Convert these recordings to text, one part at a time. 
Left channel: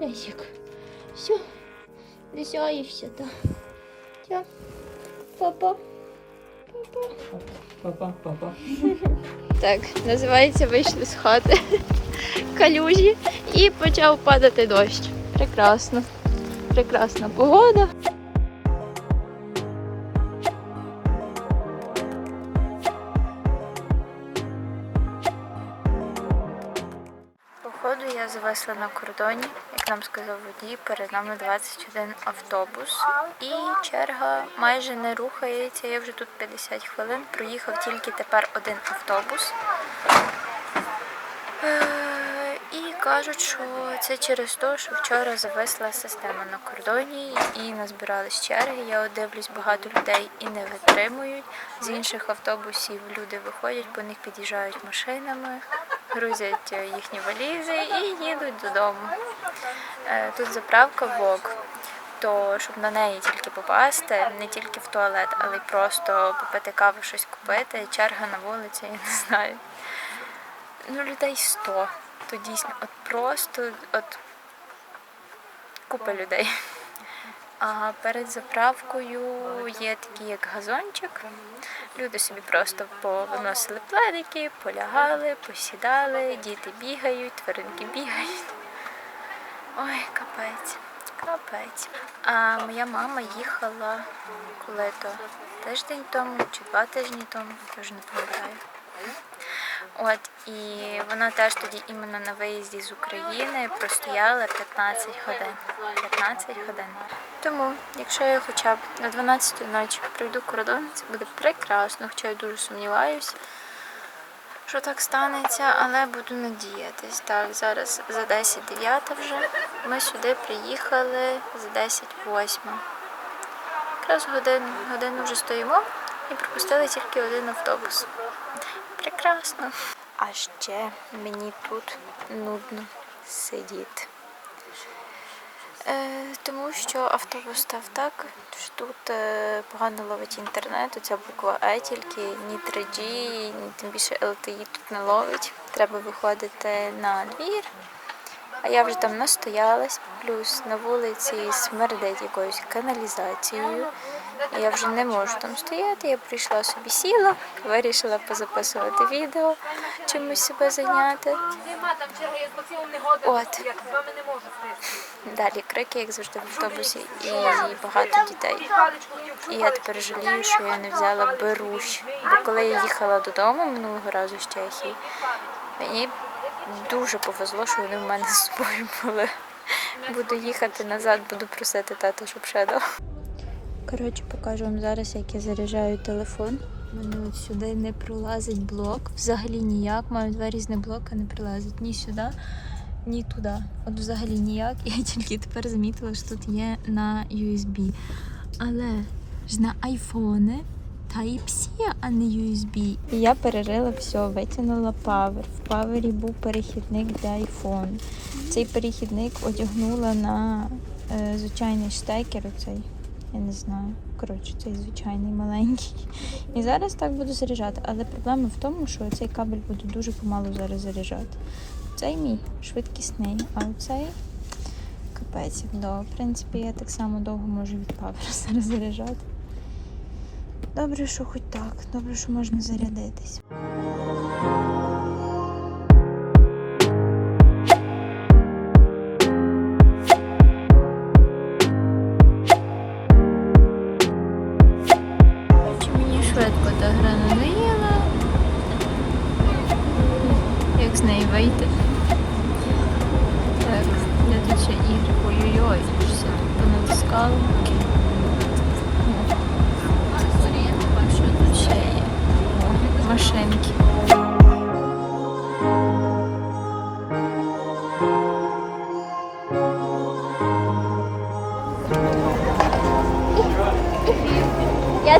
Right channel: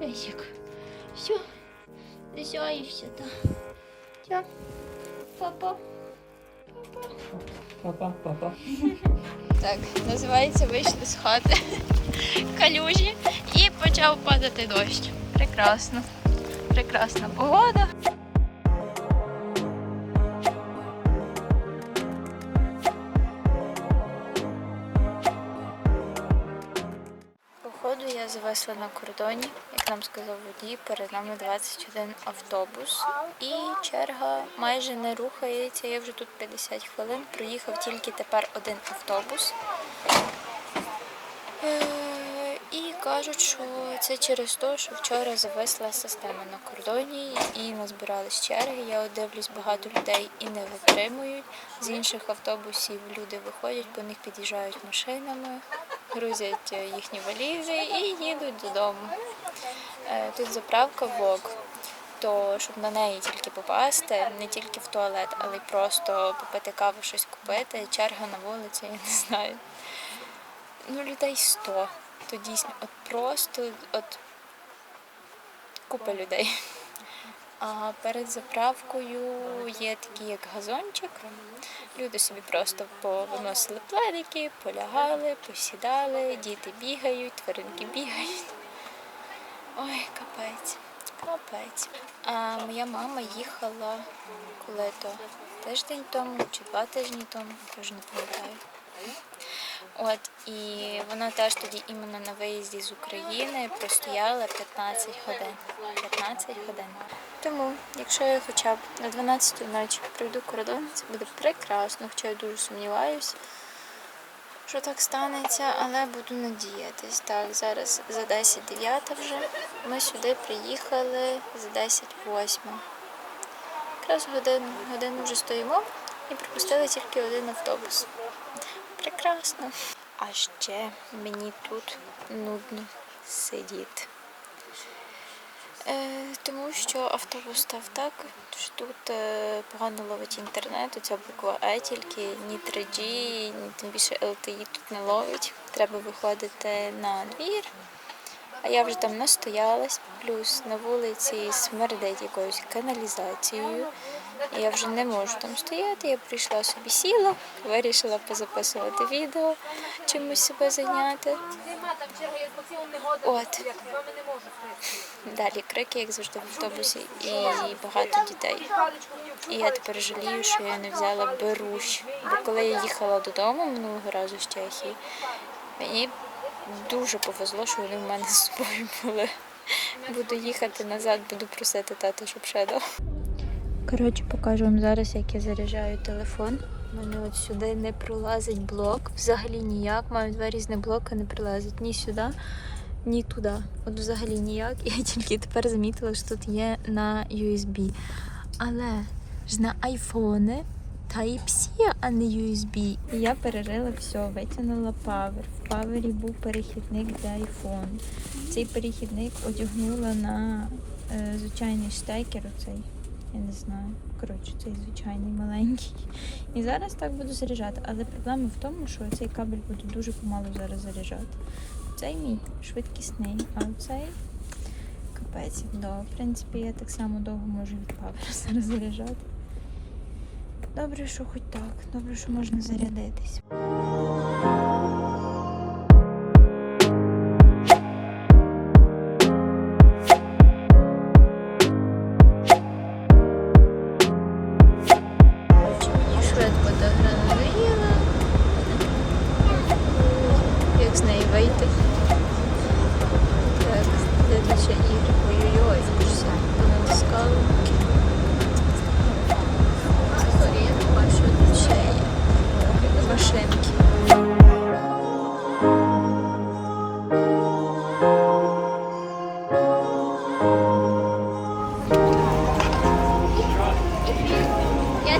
Песик. Все. Лисяешься, да. Все. Папа. Папа. Папа, папа. Так, називається вийшли з хати в калюжі і почав падати дощ. Прекрасно. Прекрасна погода. Походу я зависла на кордоні, нам сказав водій, перед нами 21 автобус. І черга майже не рухається. Я вже тут 50 хвилин. Проїхав тільки тепер один автобус. Е, І кажуть, що це через те, що вчора зависла система на кордоні і назбирались черги. Я дивлюсь, багато людей і не витримують. З інших автобусів люди виходять, по них під'їжджають машинами, грузять е, їхні валізи і їдуть додому. Е, Тут заправка ВОК. То щоб на неї тільки попасти, не тільки в туалет, але й просто попити каву, щось купити. Черга на вулиці, я не знаю. Ну, людей 100. То дійсно, от просто от купа людей. А перед заправкою є такий як газончик. Люди собі просто повиносили пледики, полягали, посідали, діти бігають, тваринки бігають. Ой, капець, капець. А моя мама їхала коли то тиждень тому чи два тижні тому, я вже не пам'ятаю. От і вона теж тоді іменно на виїзді з України простояла 15 годин. 15 годин. Тому, якщо я хоча б на 12 ночі пройду кордон, це буде прекрасно, хоча я дуже сумніваюся, що так станеться, але буду надіятись. Так, зараз за 10 9 вже. Ми сюди приїхали за 10 8. Якраз годину, годину вже стоїмо і пропустили тільки один автобус. Прекрасно. А ще мені тут нудно сидіти. Е, тому що автобус став так, що тут е, погано ловить інтернет, оця буква Е тільки, ні 3G, ні тим більше LTE тут не ловить. Треба виходити на двір. А я вже там настоялась, плюс на вулиці смердить якоюсь каналізацією. І я вже не можу там стояти. Я прийшла собі сіла, вирішила позаписувати відео, чимось себе зайняти. От. Далі крики, як завжди в автобусі, і багато дітей. І я тепер жалію, що я не взяла берущ. Бо коли я їхала додому минулого разу з Чехії, мені дуже повезло, що вони в мене з собою були. Буду їхати назад, буду просити тата, щоб ще дав. Коротше, покажу вам зараз, як я заряджаю телефон. У мене от сюди не пролазить блок. Взагалі ніяк. Маю два різні блоки, не прилазить ні сюди, ні туди. От взагалі ніяк. Я тільки тепер замітила, що тут є на USB. Але ж на айфони Type-C, а не USB. Я перерила все, витягнула павер. В павері був перехідник для iPhone. Цей перехідник одягнула на е, звичайний штекер оцей. Я не знаю. Коротше, цей звичайний маленький. І зараз так буду заряджати. Але проблема в тому, що цей кабель буде дуже помалу зараз заряджати. Цей мій швидкісний, а оцей капець. як. В принципі, я так само довго можу від павера зараз заряджати. Добре, що хоч так. Добре, що можна зарядитись.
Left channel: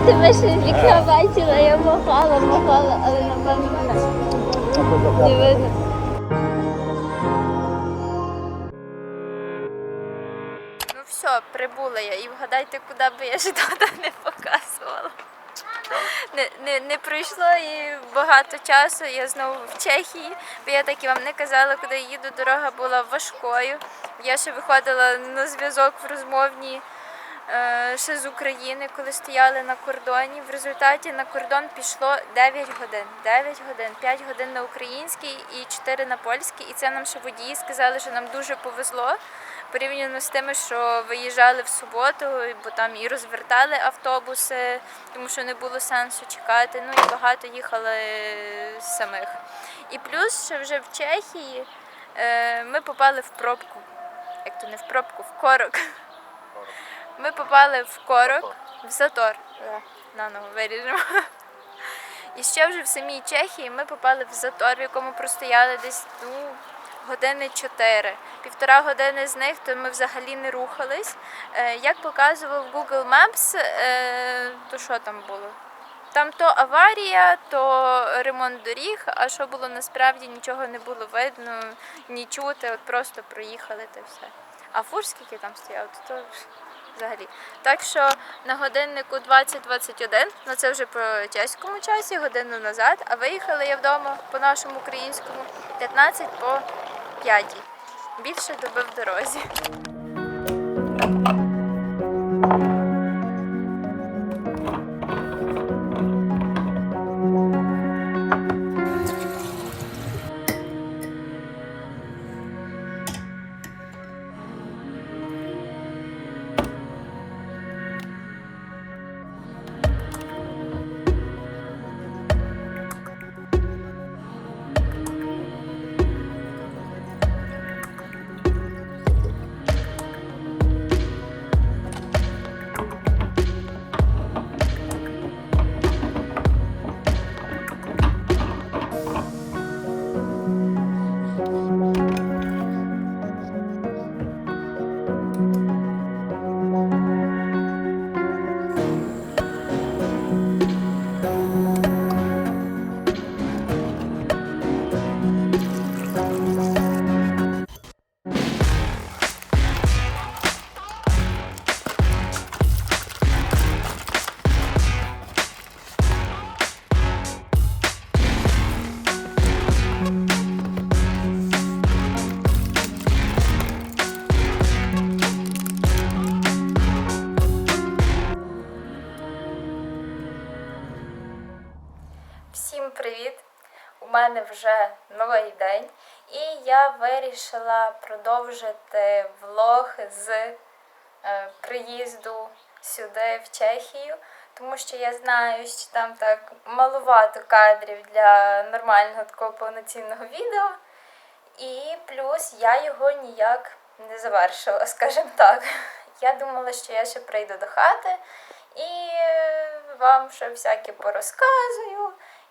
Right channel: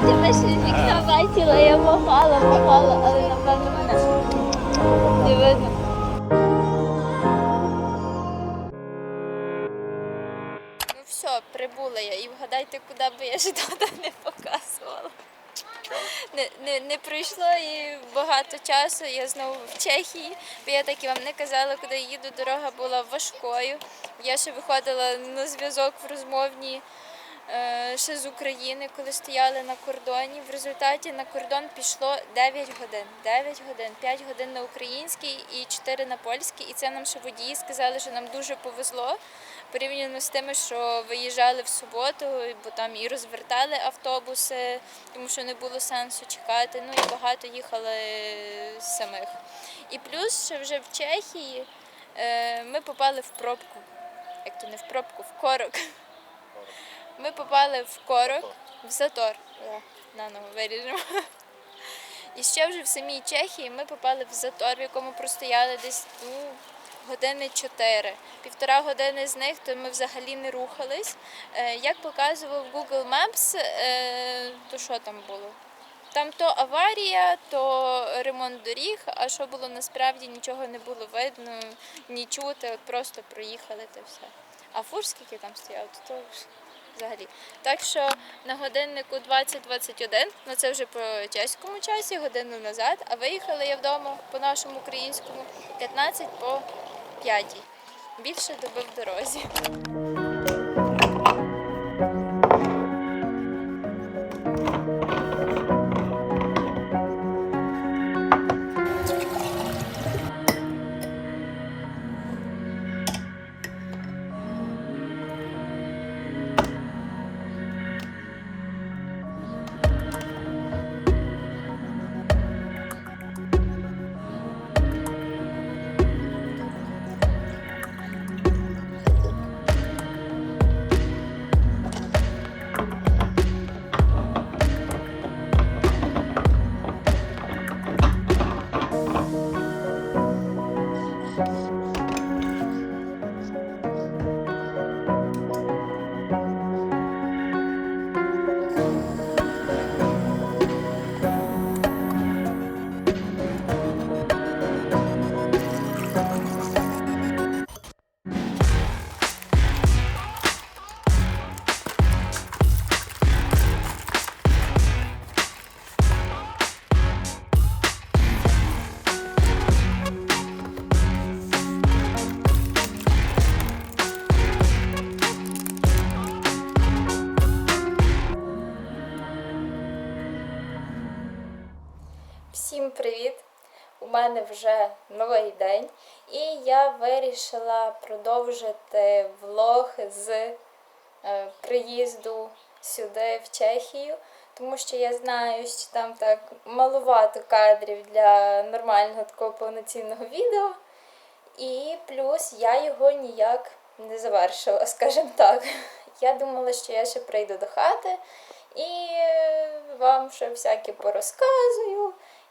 Тебе ще з вікна бачила, я махала, махала, але напевно не видно. Ну все, прибула я. І вгадайте, куди би я ж туди не показувала. не, не, не пройшло і багато часу. Я знову в Чехії, бо я так і вам не казала, куди їду. Дорога була важкою. Я ще виходила на зв'язок в розмовній ще з України, коли стояли на кордоні. В результаті на кордон пішло 9 годин. 9 годин, 5 годин на український і 4 на польський. І це нам ще водії сказали, що нам дуже повезло. Порівняно з тими, що виїжджали в суботу, бо там і розвертали автобуси, тому що не було сенсу чекати. Ну і багато їхали самих. І плюс ще вже в Чехії е, ми попали в пробку. Як то не в пробку, в корок. Ми попали в корок, в затор. Е, Наново виріжемо. І ще вже в самій Чехії ми попали в затор, в якому простояли десь ну, години 4. Півтора години з них то ми взагалі не рухались. Е, Як показував Google Maps, е, то що там було? Там то аварія, то ремонт доріг, а що було насправді нічого не було видно, ні чути, от просто проїхали та все. А фур скільки там стояв, то, то взагалі. Так що на годиннику 20.21, ну це вже по чеському часі, годину назад, а виїхали я вдома по нашому українському 15 по 5. Більше доби в дорозі. Привіт! У мене вже новий день, і я вирішила продовжити влог з е, приїзду сюди, в Чехію, тому що я знаю, що там так малувато кадрів для нормального такого повноцінного відео. І плюс я його ніяк не завершила, скажімо так. Я думала, що я ще прийду до хати і е, вам ще всяке порозказую,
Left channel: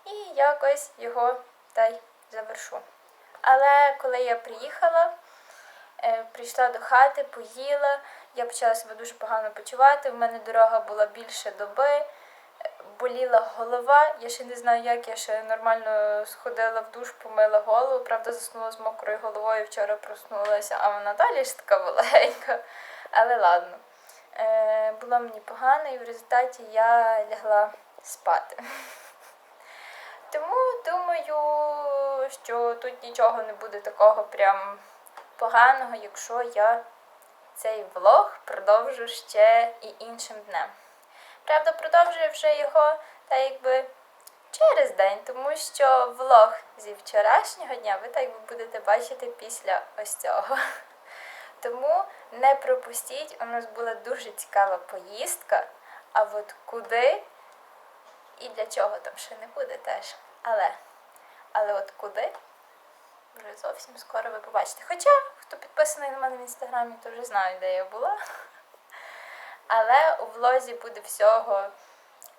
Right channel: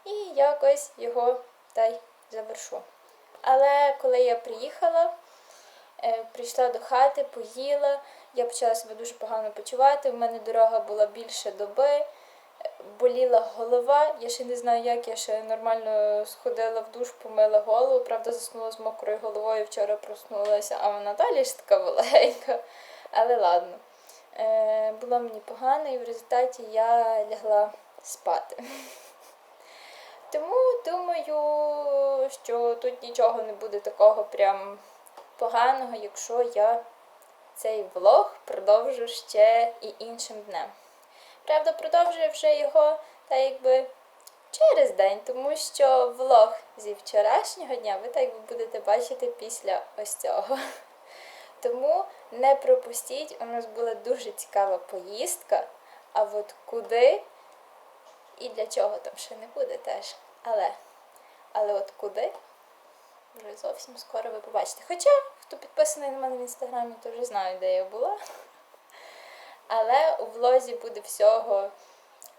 і якось його та й завершу. Але коли я приїхала, е, прийшла до хати, поїла, я почала себе дуже погано почувати. У мене дорога була більше доби, е, боліла голова. Я ще не знаю, як я ще нормально сходила в душ, помила голову. Правда, заснула з мокрою головою. Вчора проснулася, а вона далі ж така була Але ладно. Е, було мені погано, і в результаті я лягла спати. Тому думаю, що тут нічого не буде такого прям поганого, якщо я цей влог продовжу ще і іншим днем. Правда, продовжую вже його та якби через день, тому що влог зі вчорашнього дня ви так би будете бачити після ось цього. Тому не пропустіть, у нас була дуже цікава поїздка. А от куди і для чого там ще не буде теж. Але, але от куди вже зовсім скоро ви побачите. Хоча, хто підписаний на мене в інстаграмі, то вже знає, де я була. Але у влозі буде всього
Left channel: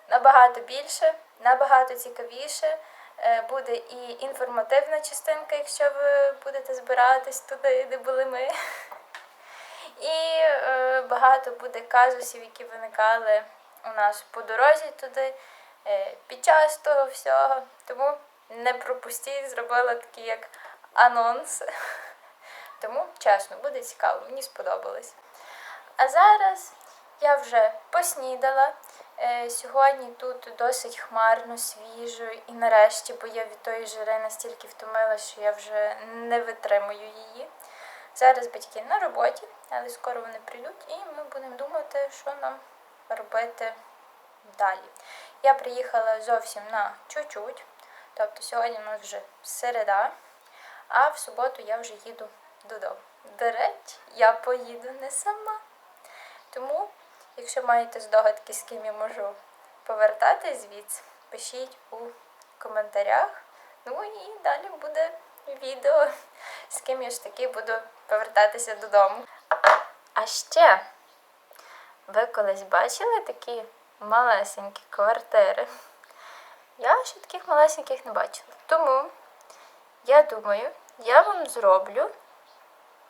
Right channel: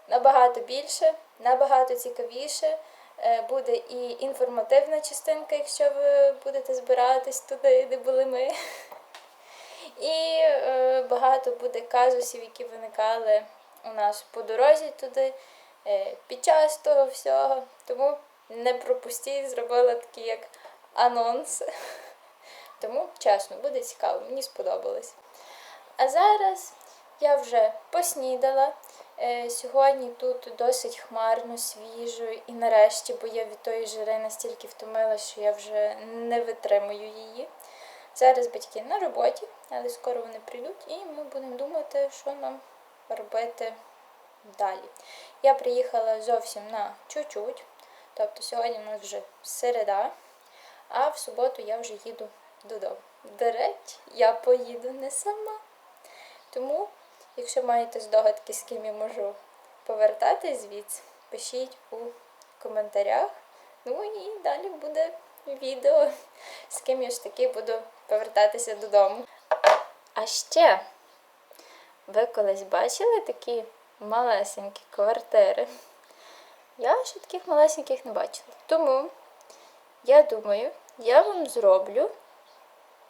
набагато більше, набагато цікавіше. Е, Буде і інформативна частинка, якщо ви будете збиратись туди, де були ми. І е, багато буде казусів, які виникали у нас по дорозі туди під час того всього. Тому не пропустіть, зробила такий як анонс. Тому, чесно, буде цікаво, мені сподобалось. А зараз я вже поснідала. Е, Сьогодні тут досить хмарно, свіжо і нарешті, бо я від тої жари настільки втомилася, що я вже не витримую її. Зараз батьки на роботі, але скоро вони прийдуть і ми будемо думати, що нам робити далі. Я приїхала зовсім на чуть-чуть, тобто сьогодні у нас вже середа, а в суботу я вже їду додому. До речі, я поїду не сама. Тому, якщо маєте здогадки, з ким я можу повертатись звідси, пишіть у коментарях. Ну і далі буде відео, з ким я ж таки буду повертатися додому. А ще ви колись бачили такі малесенькі квартири? Я ще таких малесеньких не бачила. Тому я думаю, я вам зроблю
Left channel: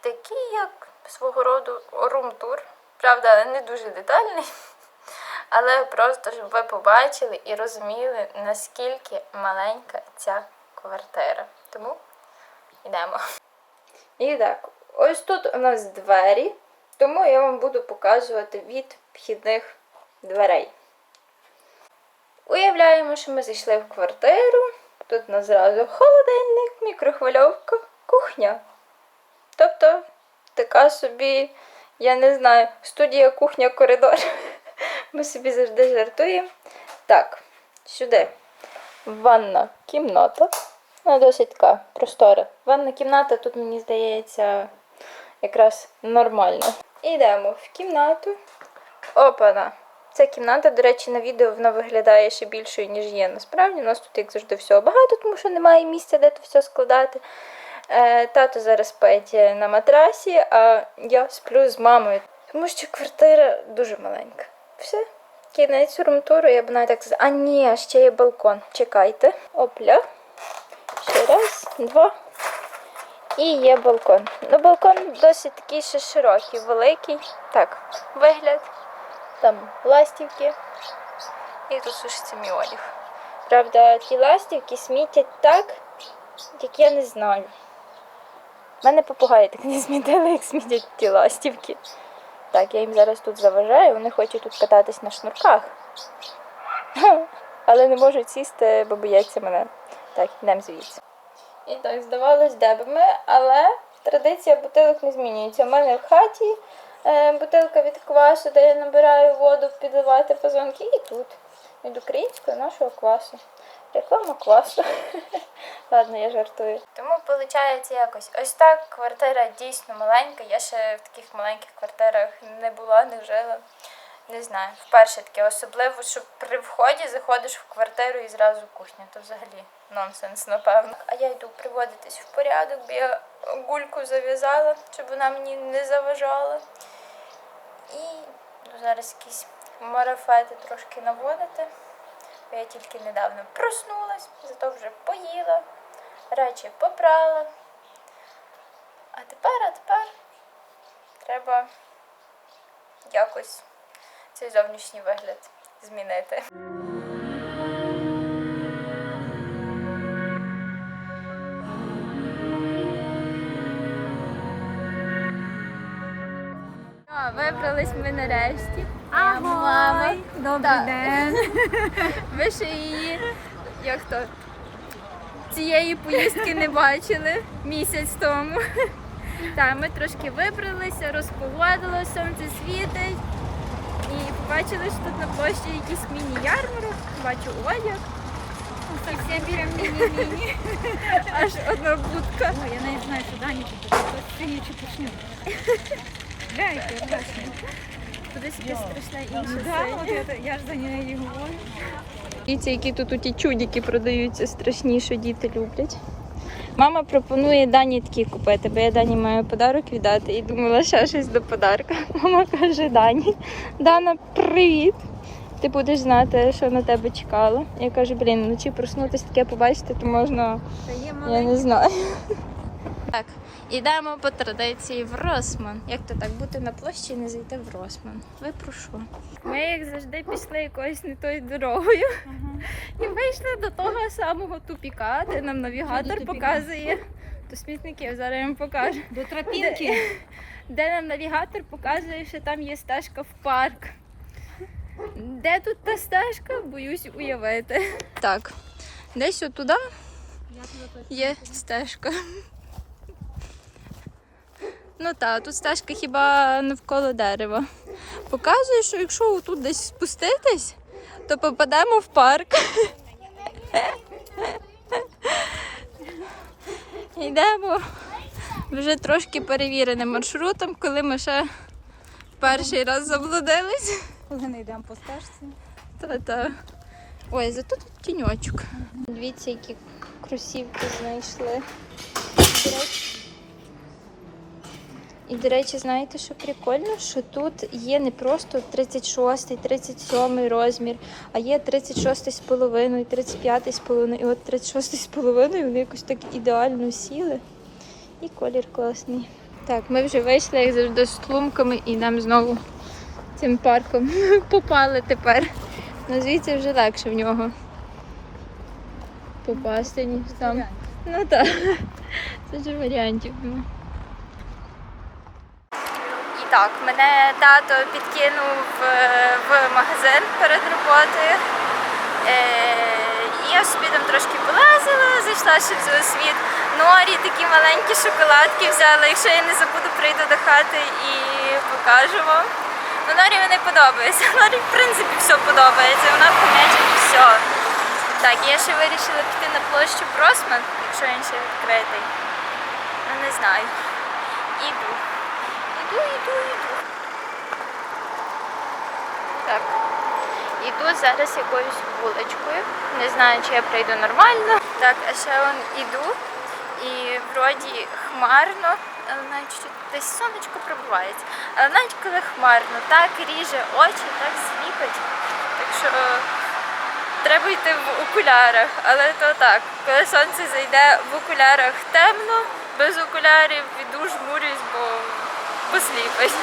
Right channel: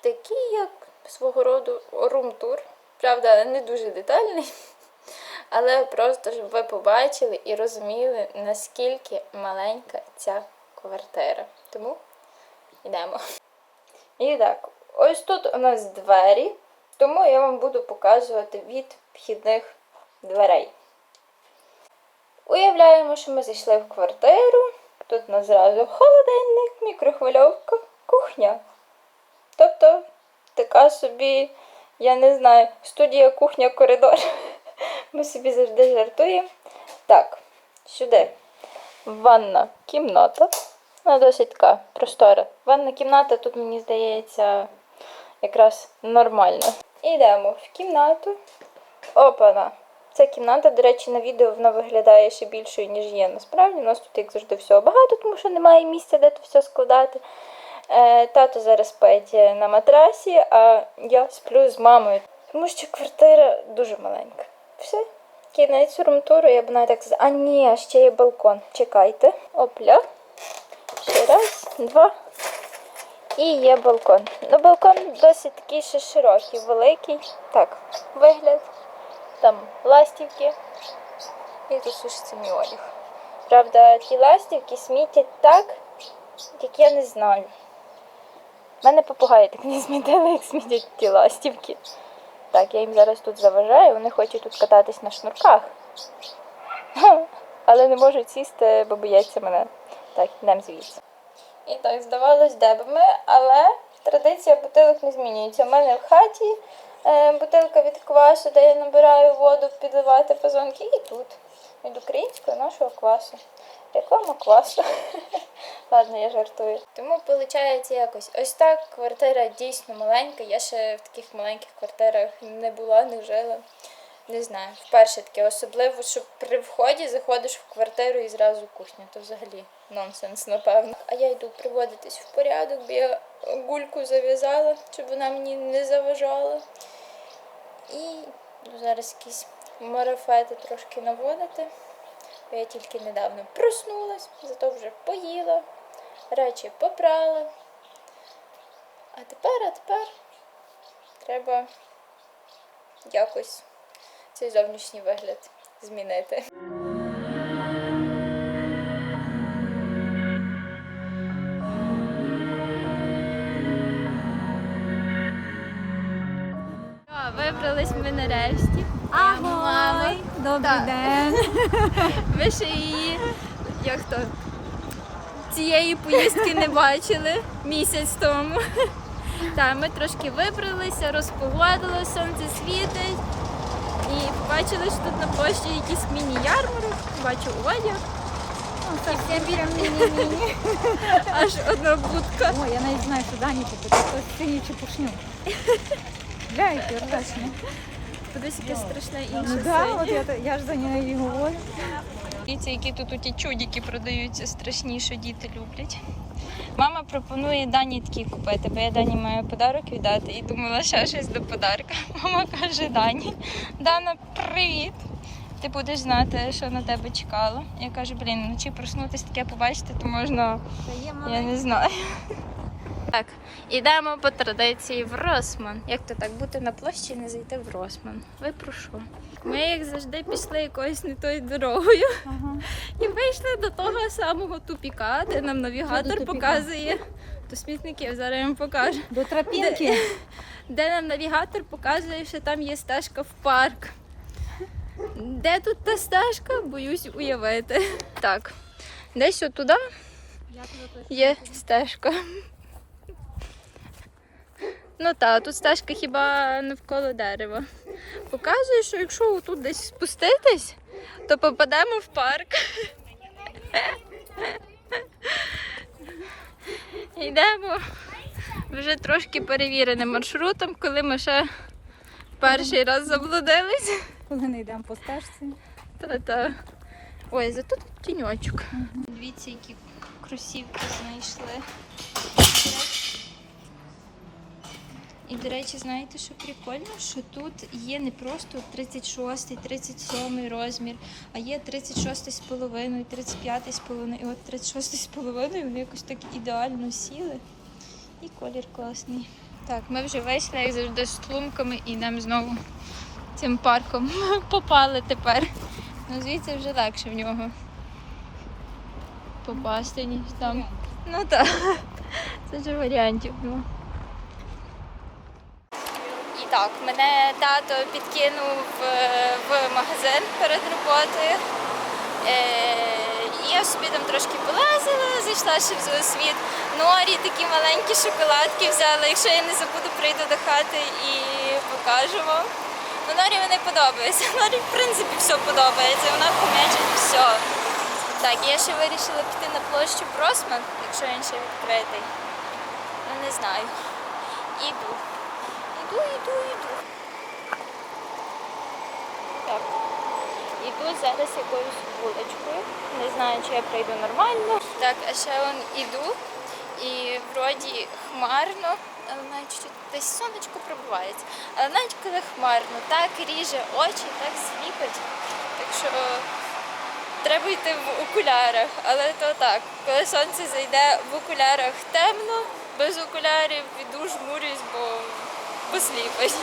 такий, як свого роду рум-тур. Правда, не дуже детальний, але просто щоб ви побачили і розуміли, наскільки маленька ця квартира. Тому йдемо. І так, ось тут у нас двері, тому я вам буду показувати від вхідних дверей. Уявляємо, що ми зайшли в квартиру. Тут нас зразу холодильник, мікрохвильовка, кухня. Тобто така собі, я не знаю, студія кухня коридор. Ми собі завжди жартуємо. Так, сюди. Ванна кімната. Вона досить така простора. Ванна кімната тут, мені здається, якраз нормально. Йдемо в кімнату. Опана. Ця кімната, до речі, на відео вона виглядає ще більшою, ніж є. Насправді, у нас тут, як завжди, всього багато, тому що немає місця, де то все складати. Е, тато зараз спить на матрасі, а я сплю з мамою, тому що квартира дуже маленька. Все. Кінець румтуру, я б навіть так сказала. А ні, ще є балкон. Чекайте. Опля. Ще раз, два. І є балкон. Ну, балкон досить такий ще широкий, великий. Так, вигляд. Там ластівки. І тут сушиться одяг. Правда, ті ластівки смітять так, як я не знаю. У мене попугаї так не змітили, як смітять ті ластівки. Так, я їм зараз тут заважаю, вони хочуть тут кататись на шнурках. Але не можуть сісти, бо бояться мене. Так, йдемо звідси. І так, здавалось, де б ми, але традиція бутилок не змінюється. У мене в хаті бутилка від квасу, де я набираю воду, підливати фазонки, і тут. Від українського нашого квасу. Реклама квасу. Ладно, я жартую. Тому виходить якось ось так. Квартира дійсно маленька. Я ще в таких маленьких квартирах не була, не жила. Не знаю, вперше таке, особливо, що при вході заходиш в квартиру і зразу кухня, то взагалі нонсенс, напевно. А я йду приводитись в порядок, бо я гульку зав'язала, щоб вона мені не заважала. І ну, зараз якісь марафети трошки наводити. Бо я тільки недавно проснулась, зато вже поїла, речі попрала. А тепер, а тепер треба якось цей зовнішній вигляд змінити. Вибрались ми нарешті. Моя мама. Добрий Так. день. Ви ще її як то цієї поїздки не бачили місяць тому. Так, ми трошки вибралися, розпогодило, сонце світить. І побачили, що тут на площі якийсь міні-ярмарок, бачу одяг, Ну, мini-мini. аж одна будка. Ой, я навіть знаю, що Дані тут таке синіче пушню. Гляньте, ржачне. Кудись якесь страшне Ну інше да, от синє. я, я ж за нею і говорю. І ці, які тут ті чудики продаються страшні, що діти люблять. Мама пропонує Дані такі купити, бо я Дані маю подарок віддати і думала ще щось до подарка. Мама каже Дані, Дана, привіт! Ти будеш знати, що на тебе чекало. Я кажу, блін, вночі проснутися таке побачити, то можна, я не знаю. Так, ідемо по традиції в Росман. Як то так бути на площі і не зайти в Росман? Ви про що? Ми, як завжди, пішли якоюсь не тою дорогою. Ага. І вийшли до того самого тупіка, де нам навігатор показує. То смітників зараз я вам покажу. До тропінки. Де нам навігатор показує, що там є стежка в парк. Де тут та стежка? Боюсь уявити. Так, десь тебе є стежка. Ну так, тут стежка хіба навколо дерева. Показує, що якщо тут десь спуститись, то попадемо в парк. Йдемо вже трошки перевіреним маршрутом, коли ми ще перший раз заблудились. Коли не йдемо по стежці. Та-та. Ой, зато тут тіньочок. Дивіться, які кросівки знайшли. І, до речі, знаєте, що прикольно, що тут є не просто 36, 37 розмір, а є 36 з половиною, 35 з половиною. І от 36 з половиною вони якось так ідеально сіли. І колір класний. Так, ми вже вийшли, як завжди, з тлумками і нам знову цим парком попали тепер. Ну звідси вже легше в нього попасти, ніж там. Ну так. Це ж варіантів. Ну. Так, мене тато підкинув е, в магазин перед роботою. Е, я собі там трошки полазила, зайшла ще в зоосвіт. Норі такі маленькі шоколадки взяла. Якщо я не забуду, прийду до хати і покажу вам. Ну, Норі мені подобається. Норі, в принципі, все подобається. Вона помічить все. Так, я ще вирішила піти на площу Просман, якщо він ще відкритий. Ну, не знаю. Іду. Іду, іду, іду. Так. Іду зараз якоюсь вуличкою. Не знаю, чи я прийду нормально. Так, а ще он іду. І вроді хмарно, але навіть десь сонечко пробувається. Але навіть коли хмарно, так ріже очі, так сліпить. Так що треба йти в окулярах. Але то так, коли сонце зайде в окулярах темно, без окулярів іду жмурюсь, бо посліпить.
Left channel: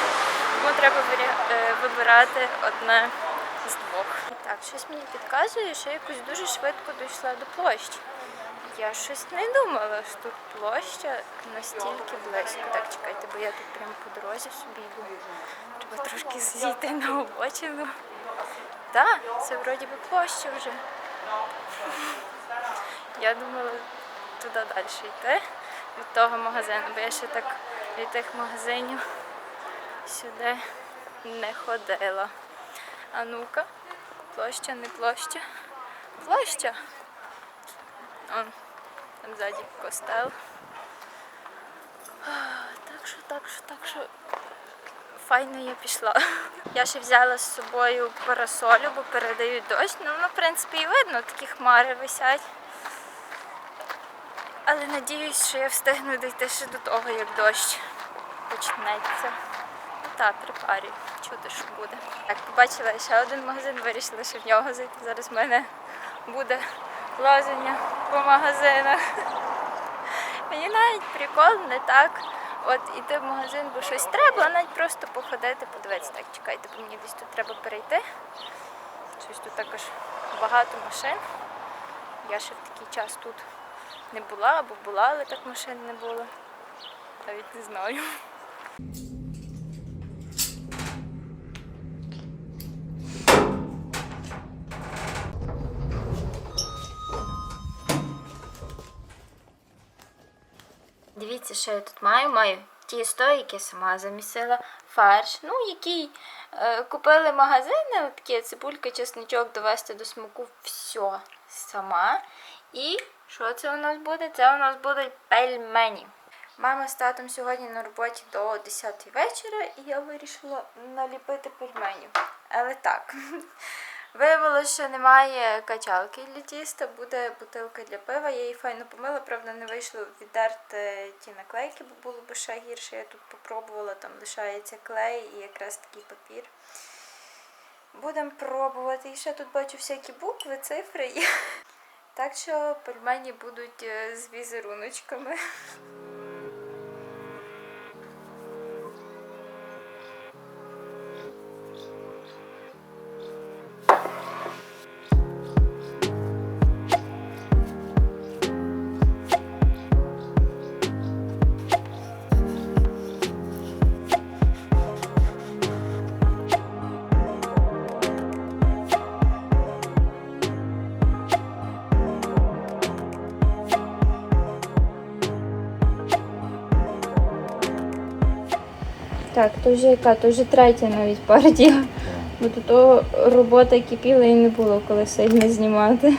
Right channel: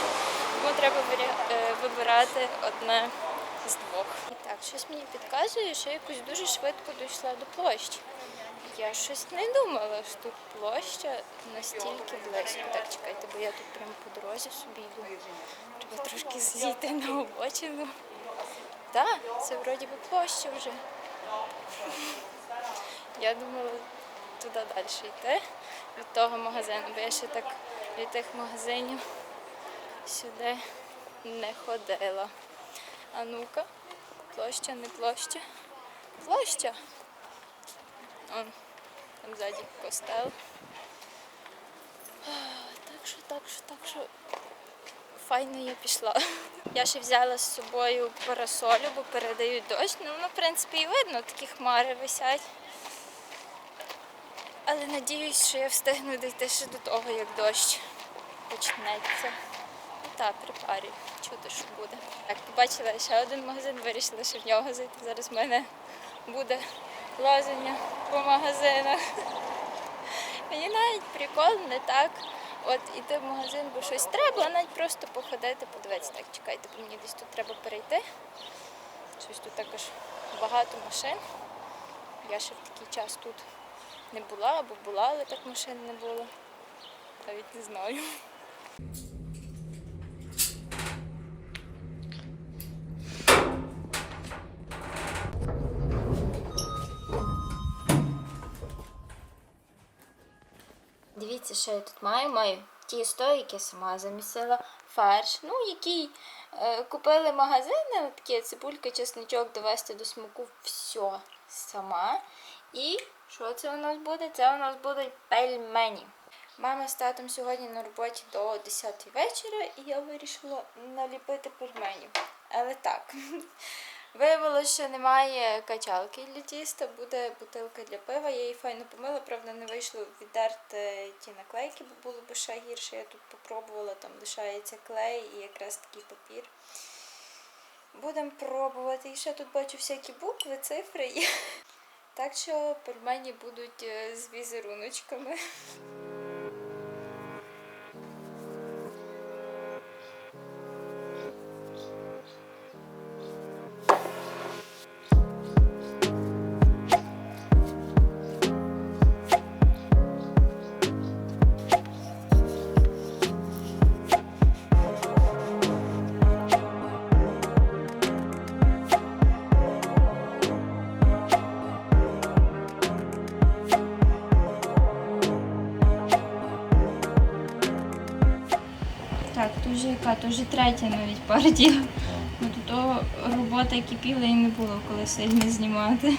Тому треба е, вибирати одне з двох. Так, щось мені підказує, що я якось дуже швидко дійшла до площі. Я щось не думала, що тут площа настільки близько. Так, чекайте, бо я тут прямо по дорозі собі йду. Треба трошки зійти на обочину. Так, це вроді би площа вже. Я думала туди далі йти від того магазину, бо я ще так від тих магазинів сюди не ходила. А ну-ка, площа, не площа. Площа. Он, там ззаді костел. Так що, так що, так що. Файно я пішла. Я ще взяла з собою парасолю, бо передають дощ. Ну, в принципі, і видно, такі хмари висять. Але надіюсь, що я встигну дійти ще до того, як дощ почнеться. Ну так, при парі. Чути, що буде. Так, побачила ще один магазин, вирішила, що в нього зайти. Зараз в мене буде лазення по магазинах. Мені навіть прикол не так. От іти в магазин, бо щось треба, а навіть просто походити, подивитися. Так, чекайте, бо мені десь тут треба перейти. Щось тут також багато машин. Я ще в такий час тут не була, або була, але так машин не було. Навіть не знаю. Дивіться, що я тут маю. Маю тісто, яке сама замісила, фарш, ну, який е, купили магазини, такі цибулька, чесничок, довести до смаку, все сама. І що це у нас буде? Це у нас будуть пельмені. Мама з татом сьогодні на роботі до 10 вечора, і я вирішила наліпити пельменів. Але так. Виявилося, що немає качалки для тіста, буде бутилка для пива. Я її файно помила, правда, не вийшло віддерти ті наклейки, бо було б ще гірше. Я тут попробувала, там лишається клей і якраз такий папір. Будемо пробувати. І ще тут бачу всякі букви, цифри. Так що пельмені будуть е, з візеруночками. Так, то вже яка, то вже третя навіть партія. Бо того робота кипіла і не було коли сьогодні знімати.